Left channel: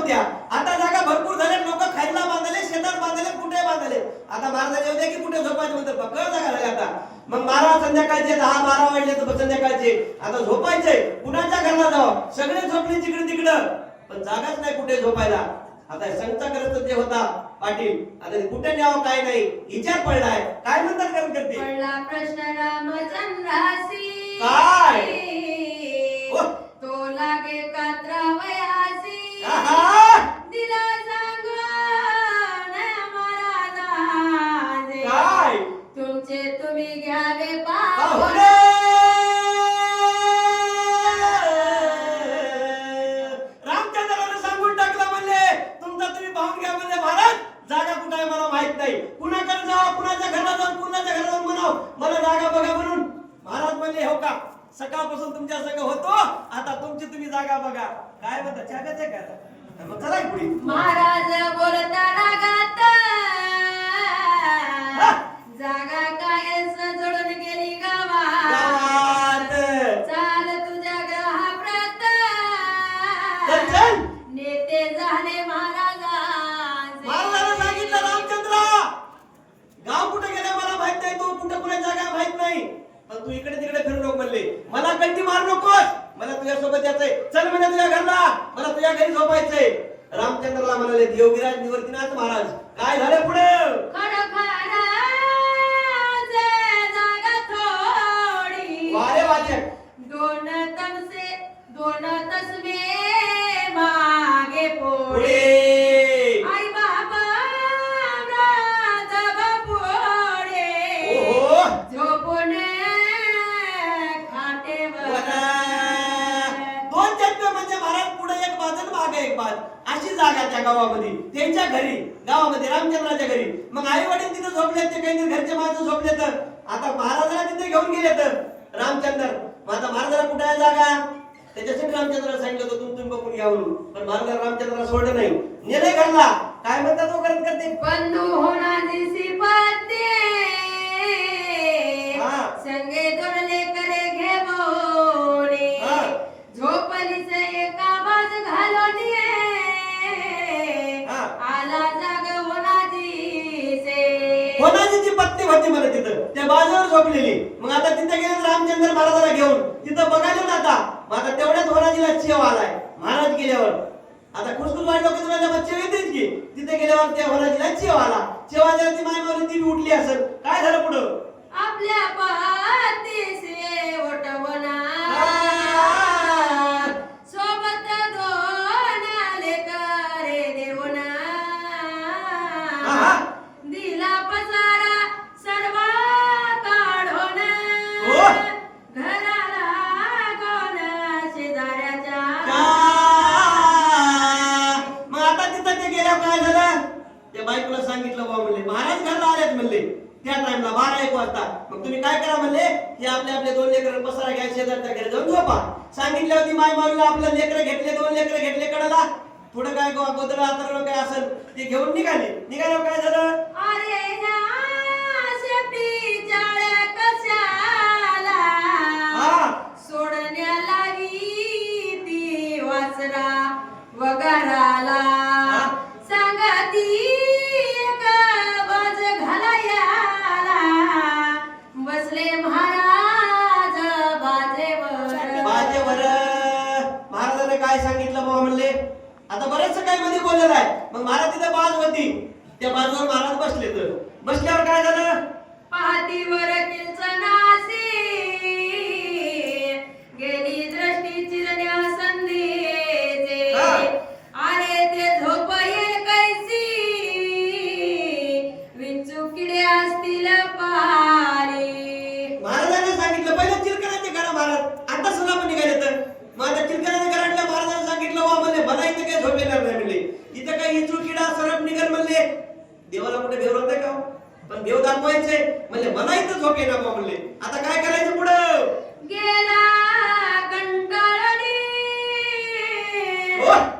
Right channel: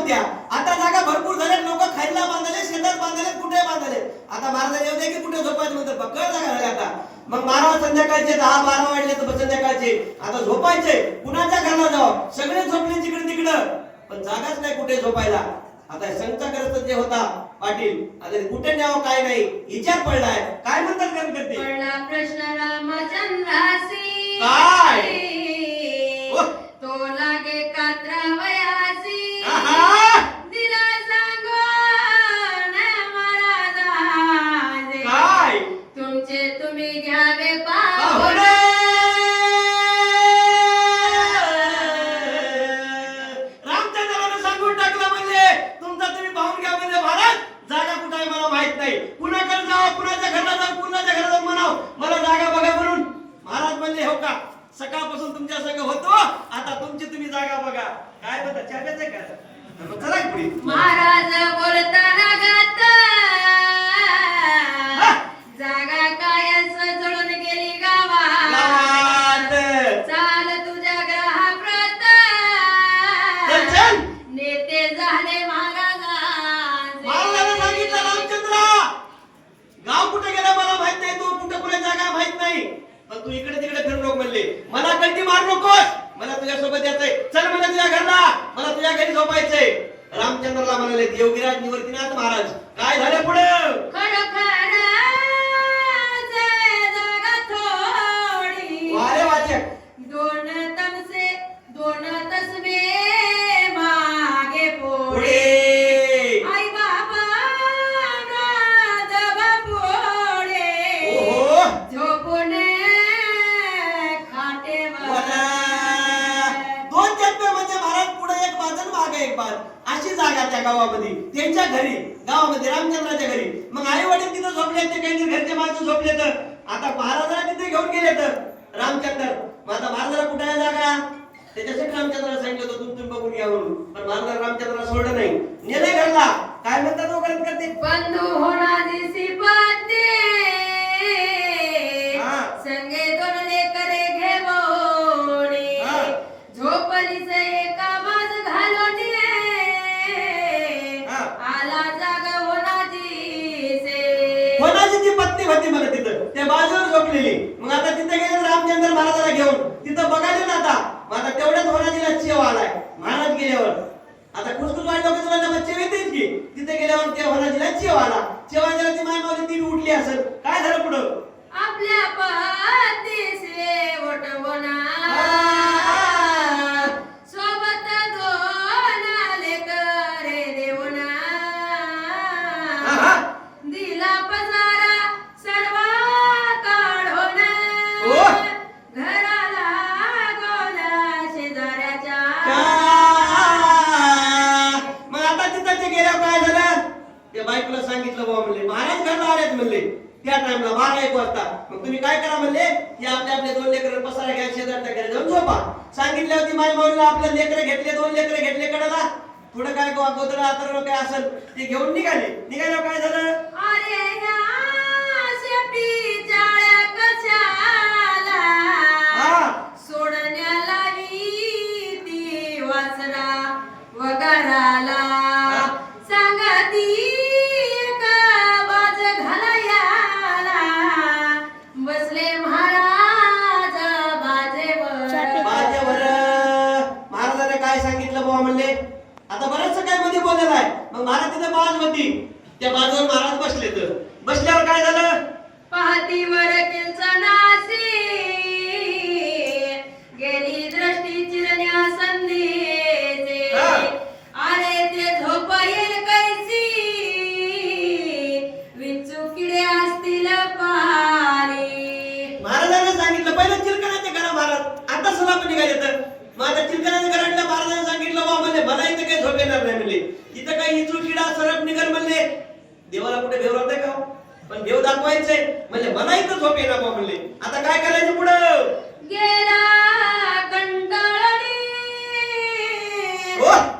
नव्हत्या, आता जागा भरपूर झाल्या, लोक खायला बांधले, शेतात बांधले, कुठे बांधले. आता महाराज येऊ दे की कुठे झोपायचं म्हणतात, पक्कड जागा झाली आता. मग महाराज संध्याकाळचे 10-12 वाजले तर संध्याकाळचे आता झोपायचे, कुणाच्या घरला जावं, सगळे झोपले जिकडे तिकडं, पण जागाच नाही कुठे झोपायला. आता संताग्रस्त जे होता पाटील, आता कुठे न्यावं काय नाही विचार पडलाय. काय म्हणतात कारण करते पडला प्रश्न रामचंद्रासी, काय तो लागे कात्रावयासी, दिला सांगून महाराजांचे, काय तुमचे तुम्ही घ्यावे पाहून. रामचंद्राने सांगून टाकला म्हणले तुमचा तुम्ही पाहून घ्या म्हणले. महाराज जागा कुठे आहे मला माहित नाही, कुणाकडे जावं, कुणाच्या घराला जावं, कुणाच्या घराला जाऊन म्हणावं मला जागा बघा म्हणून. महाराज म्हणले हो का, सकाळपासून तुमच्या संग होतो, आता तुमची तुम्ही जागा बघा. काय म्हणता चाब्याचं का, मग चला पुढे. महाराज बोलताना गात, जागा काय सजळून गेली गावात, चाल तुझ्या ग्रहाप्रत, नेते झाले महाराजांचे. महाराजांना सांगितलं रामचंद्र गाव कुठे गेला मला माहित नाही, तो कुठे कुठे जागा माहित नाही, पण तू इकडे तिकडे फिरू नको म्हणले. मला कल्टी मारू नकोस, मला तुझ्या सोबत यायचंय, चल मला तुझ्या घरला, मला तुझ्या घरी झोपायचंय. रामचंद्रला म्हणाले योगीराज निवर्तीनाथ महाराज काय झाले पुढे. जागा थोडी, वारे वाचक दोन तमसे दोन तसबे मागे पुढे पोळे, आई बाबा पुढे, ओहो झोपून खाटेवर. दोन जन्म म्हणजे महाराज पुढे एक बाज आणि मागे एक बाज, अशी जागा त्या गावामध्ये, त्यांच्या घरी, गावामध्ये रामचंद्राच्या घरी. मग आई वडील तिथे झोपले, ते काही घरचे माणसं झोपले, तर आता महाराजाला तिथे घेऊन गेले तर रामचंद्र. मग आता महाराजाला कुठे आहे जागा, त्याच्यासाठी रामचंद्राला सांगितलं होतं तुम्ही बघून घ्या म्हणून, पण महाराज रामचंद्राला सोडलं नाही, नेले घरला. काय म्हणतात तो करत करते बंधू होणारी सिपते, संगे दोन लेकरे घेवोनी, झोपलीच एका बाज घालून आला जाग होनाजीची पत्नी होती मला तिथं, त्या बाजूवर झोपलेली. मग आता तिथे गेले रामचंद्र महाराजाला घेऊन, तिथं बघायला ना आता. मग आता तेवढ्यात होनाजीला चेव आलाय महाराज गेल्यावर. आता कुसकुस वाटलं की तुला चेव येतेच की, तिथे गेल्यावर त्या होनाजीला चेव आला. चेव आल्यावर ती माय मावली ती उठली असेल. काय झालं पुढं, आपल्या पातीसे ओटवना, सोबत दोन लेकरे देवना, दिला पसारा सर्वा काढून, घराला गोला शेजाऱ्याच्या. मग आता तिथं ते गेल्यावर काय झालं, त्या बायकोला सांगितलं बाबा म्हणले महाराज घरला आलेत म्हणले त्या टाइमला 12-1 वाजता. मग तुम्ही काय करा म्हणले की आपले 2 लेकरं पसारा घ्या, शेजारच्या घरी जाऊन झोपा. सांगितलं होती माय माऊलीला, आपलं लेकरं घेतले, 2 लेकरं घेतले कडाला, थोडं काय गोदर आतर काय असेल ते घेऊन निघाल्यावर काय झालं, अरे ह्या शेपटी जाळ्या कशाला, सोडण्याला ती वासरा वगाराला, सांगती एक बाज घालायाला, बसले महाराज बाजेवर. महाराजाने काय सांगितलं बाबा म्हणले, आता बरेचसं काय मध्ये बोललेलं आहे. मग महाराज तिथे बाज होती, त्या बाजूवर महाराज बसले. तर बसल्यावर काय झालं, पाहतीवर किंचनासी, गेली दृष्टी चिरण्या संधीचे, अरे ते झोप ये कैसी, विंचू किडे असतील पारी. महाराजांनी सांगितलं पहिलं चिरकण्याचे करा महाराज, आता सुद्धा पण निघाले. तर माझ्या चिरकण्याचे करायला महाराजांनी सांगितलं बाबा म्हणले मला इथं काही झोप येणार नाही म्हणले, इथं काही इचू किडा सरप निघल म्हणले. देवाला कुठे भेव राहते का, पण भेव दाखवायचे म्हणले मला इथं झोप येणार बाबा म्हणले. आता काय करायचं पुढं, गेला कंटाळली,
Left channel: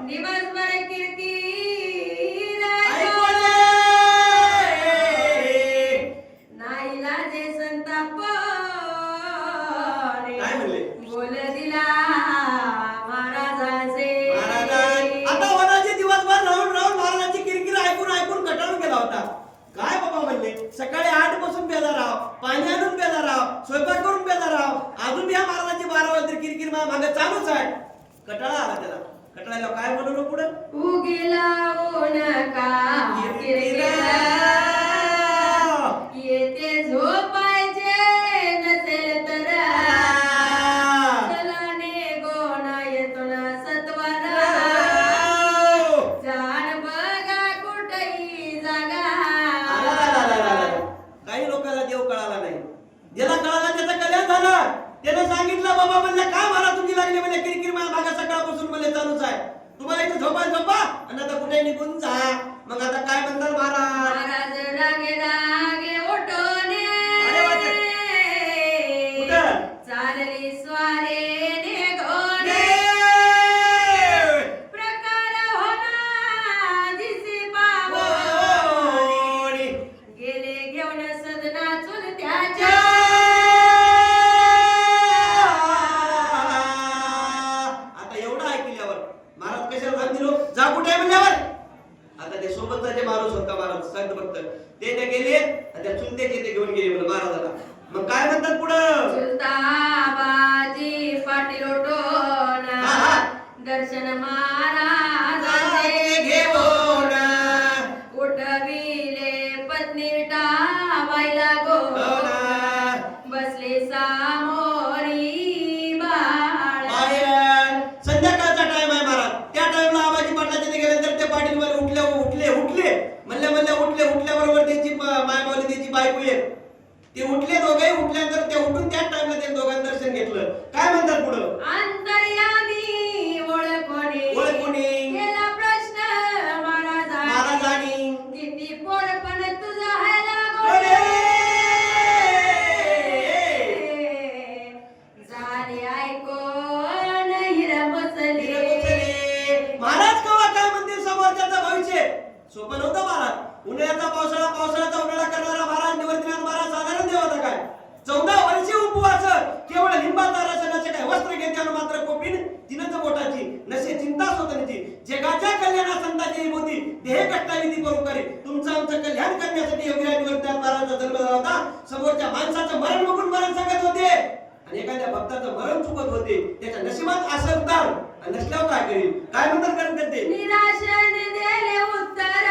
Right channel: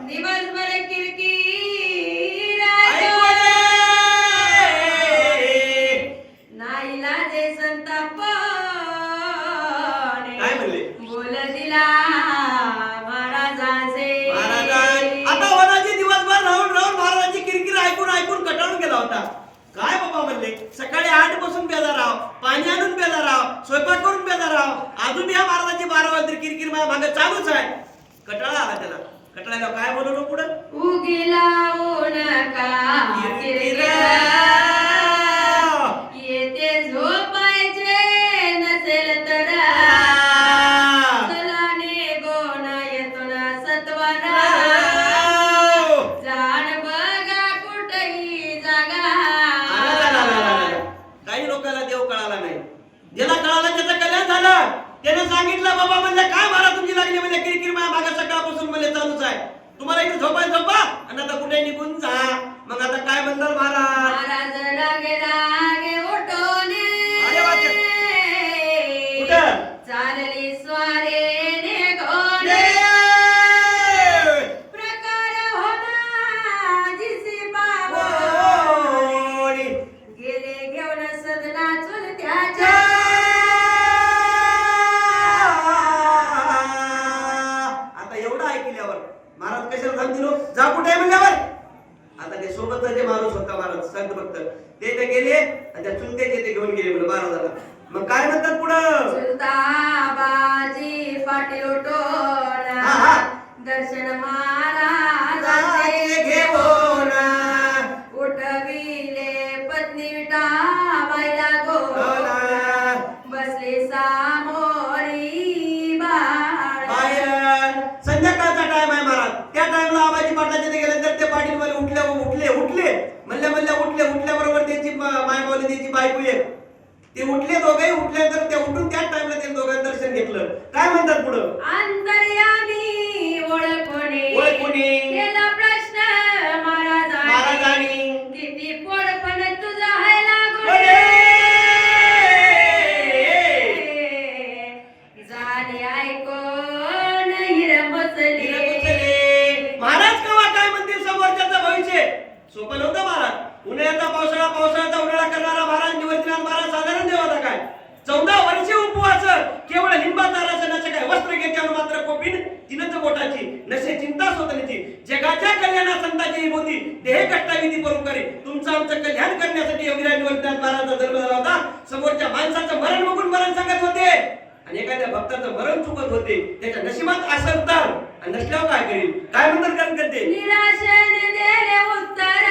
दिवसभर किरकिर, नाईला जे संताप काय म्हणले, बोल दिला महाराजांचे. आता वनाचे दिवस सकाळी 8 पासून बेजार राव, पाणी आणून बेजार राव, स्वयंपाक करून बेजार राव, अजून या महाराजाची 12 वाजता किरकिर माझ्या मागे चालूच आहे. कटाळा आला त्याला. कटाळ्याला काय बोललो पुढं? उगीला नका किरकिरा, येते झोपायचे नसेल तर चलाने गोना येतो ना सत्वरा, जाण बघा कुठही जागा. काही लोकांना देव कळाला नाही. ज्याला कळाला त्याचं कल्याण झालं. त्याने सांगितलं बाबा म्हणले काय मला तुमची लागली म्हणजे किरकिर माझ्या मागे सकाळपासून मला चालूच आहे. तुम्हाला इथे झोपाय झोपा आणि आता कुठे निघून जा. मग आता काय म्हणणार महाराज? महाराज रागे रागे ओटोने कुठं चालली स्वारेने घोडे, प्रकार होना दिसी बाबोडी, गेले घेऊन सदना चुलत्याच्या. आता एवढं ऐकल्यावर महाराज कशाला सांगितलं जा कुठे म्हणल्यावर आता ते सोबतचा जे माणूस होता महाराज संत भक्त ते गेले आणि त्या चुलत्याचे ते घेऊन गेले महाराजाला. मग काय म्हणतात पुढं? चुलता बाजी पाटील ओटोना दर्शन महाराजाचे घेऊन, उठविले पत्नी विटा बाईला गोना, बसले सामोरी बाळ. संध्याकाळचा टाइम आहे महाराज. त्या टाइमला आबाजी पाटलाचे ते गेले तर ते पाटील मध्ये उठल्याबरोबर त्यांची मायमावली त्यांची बायको येत. ते उठले दोघे. उठल्यानंतर ते उठून त्याच टाइमला त्यांनी दोघांनी दर्शन घेतलं. काय म्हणतात पुढं? अंतर्यामी ओळखोने केला प्रश्न महाराजांनी, किती पोरपण तुझा आहे लागोडे, झाली ऐकून हिरमचली. महाराज कवा काय म्हणतील समोरच्याचं भविष्य? सोपं नव्हतं महाराज. उन्हाळ्याचा पावसाळा, पावसाळ्याचा उन्हाळा करणारा महाराज, निवर्तनाथ महाराज साधारण देव होता काय? 14 वर्षे उपवास, केवळ लिंबाचा रस नसे काय वस्त्र घेत्यानं मात्र कोपीन तिनच बोटाची, नसे चिंता स्वतःची, जगाच्या कल्याणा संताची विभूती, देह कष्टाविधी परोपकारी, तुमचं आमचं कल्याण करण्यासाठी योगीराज निवर्तनाथ महाराजांचा जन्म झाला होता. समोरच्या माणसाचं मरण बघून मरण सांगत होते आणि एखाद्या भक्ताचं मरण चुकत होते. त्याच्या नशिबात असं तर आणि नसल्यावर काय करेल? काय म्हणतात कारण करते? निराशेने दिले उत्तर,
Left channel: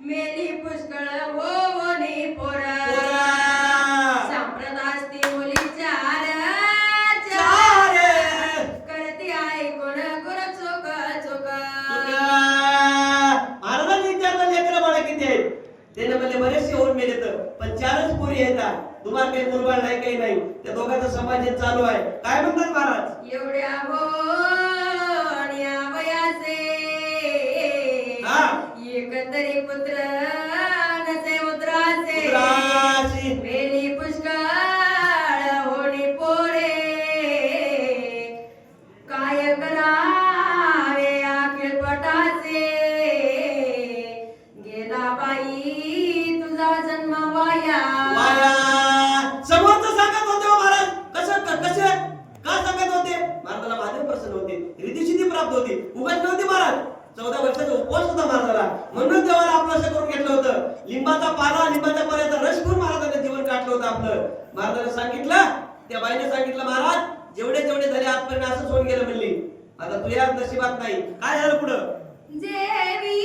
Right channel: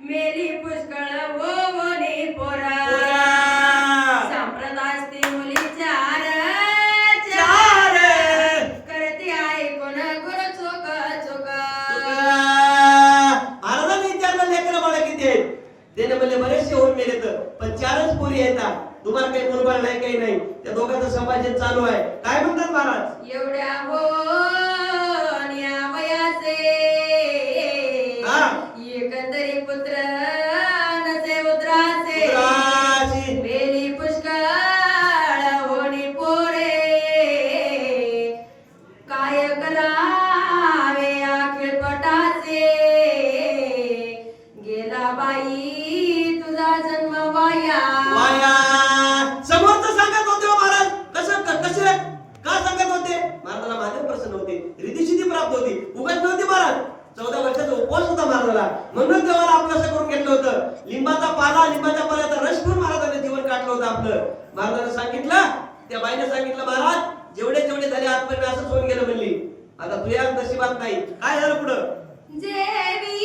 मेली पुष्कळ ओवनी पोरा, संप्रदास्ती मुली चार करती ऐकून गुरु चोक चोक. महाराजांनी विचारलं लेकरं बाळा किती आहेत? त्याने म्हणले बरेचसे होऊन मेले तर पण 4च पोरी येतात. तुम्हाला काही मुलबाळ नाही काही नाही. त्या दोघांचं संभाषण चालू आहे. काय म्हणतात महाराज? एवढ्या होण्या वयाचे एकंदरी पुत्र नसे उद्राचे, मेली पुष्कळ होणी पोरे, काय करावे अखिल पटाचे, गेला बाई तुझा जन्म वाया. समोरचं सांगत होते महाराज. कसे का सांगत होते? महाराजाला माझे प्रसन्न होते, रिद्धिसिद्धी प्राप्त होती, उगाच नव्हती महाराज. 14 वर्षाचा उपवास होता महाराजाला, म्हणून देवाला आपलं असं करून घेतलं होतं. लिंबाचा पाल्याचा रस घेऊन महाराजाने जीवन काढलं होतं आपलं. महाराजाने सांगितलं, त्या बाईने सांगितलं महाराज जेवढे झाले आजपर्यंत असंच होऊन गेलं म्हणली. आता तुझ्या नशिबात नाही. काय झालं पुढं? जेवी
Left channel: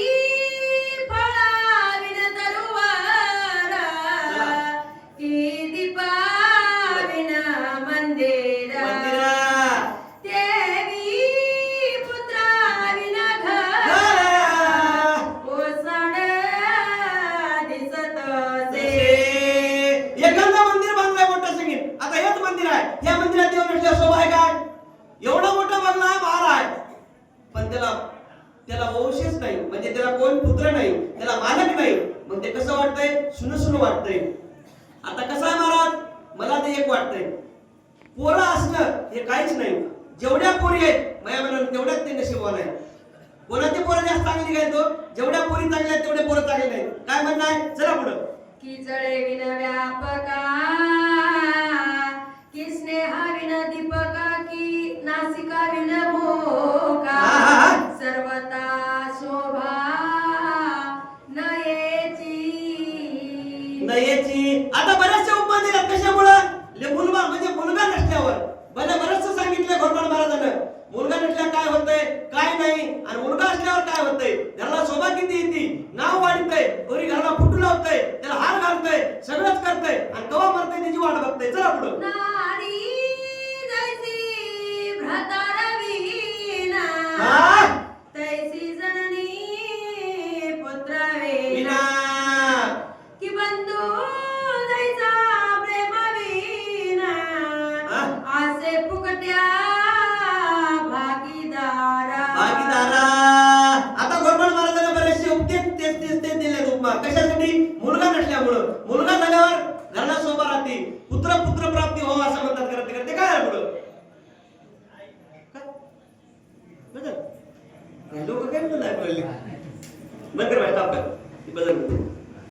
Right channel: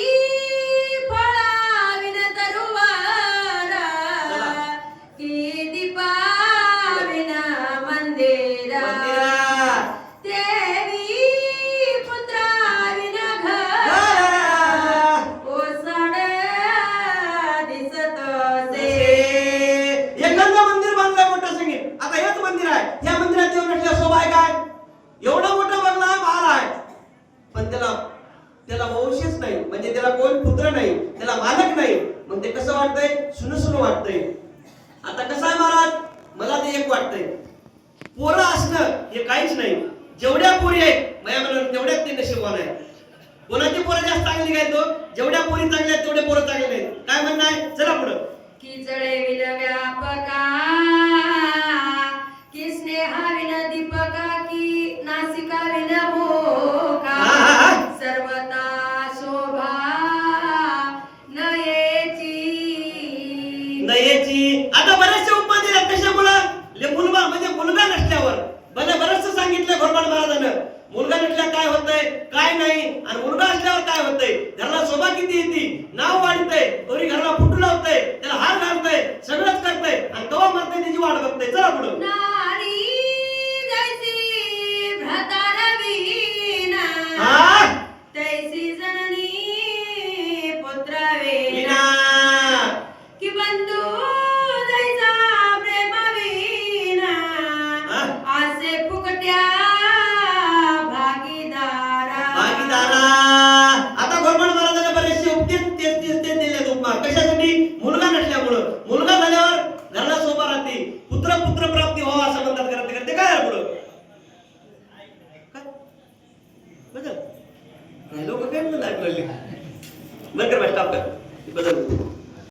फळाविन तरुवारा, की दीपाविन मंदिरा, देवी पुत्राविन घर, ओसाड दिसत से. एखादं मंदिर बांधलंय मोठं सांगेल. आता हेच मंदिर आहे. या मंदिरात देव नसल्या शोभा आहे काय? एवढा मोठा बंगला आहे, महाल आहे, पण त्याला वंशच नाही, म्हणजे त्याला कोण पुत्र नाही, त्याला मालक नाही. मग ते कसं वाटतंय? सुनसुन वाटतंय. आता कसं आहे महाराज? मला ते एक वाटतंय, पोरं असणं हे काहीच नाही. जेवढ्या पोरी आहेत माझ्या मनात तेवढ्याच ते नशीबवान आहे. कोणाची पोरं जास्त चांगली काय? तो जेवढ्या पोरी चांगल्या आहेत तेवढे पोरं चांगले नाहीत. काय म्हणणं आहे? चला पुढं. की जळे विन व्यापका, की स्नेहा विन दीपका, की नासिका विन मोका, सर्वता शोभा नये आणि मुलगा असल्यावर काय होतंय घराला शोभा किती येते नाव वाढतंय कोणी घराला फुटू लावतंय त्याला हार घालतंय सगळंच करतंय आणि कवा मरतंय त्याची वाट बघतंय चला पुढं नारी जैसी भ्रातारवीना हा? तैसी जननी पुत्रावेना विना की बंधू जैसा प्रेमाविना हा? आसे फुकट्या भागीदारा भागीदारा आता घोरपड महाराजांना बरेचसे उपदेश तेच दिले उपमा कशासाठी मुलगा नसल्यामुळं मुलगा झाल्यावर घराला शोभा राहते पुत्र पुत्र प्राप्ती व्हावा असं म्हणतात करते करते काय आहे पुढं काय बदल लोक काय म्हणतात ऐकले बंद कर स्टॉप कर बदल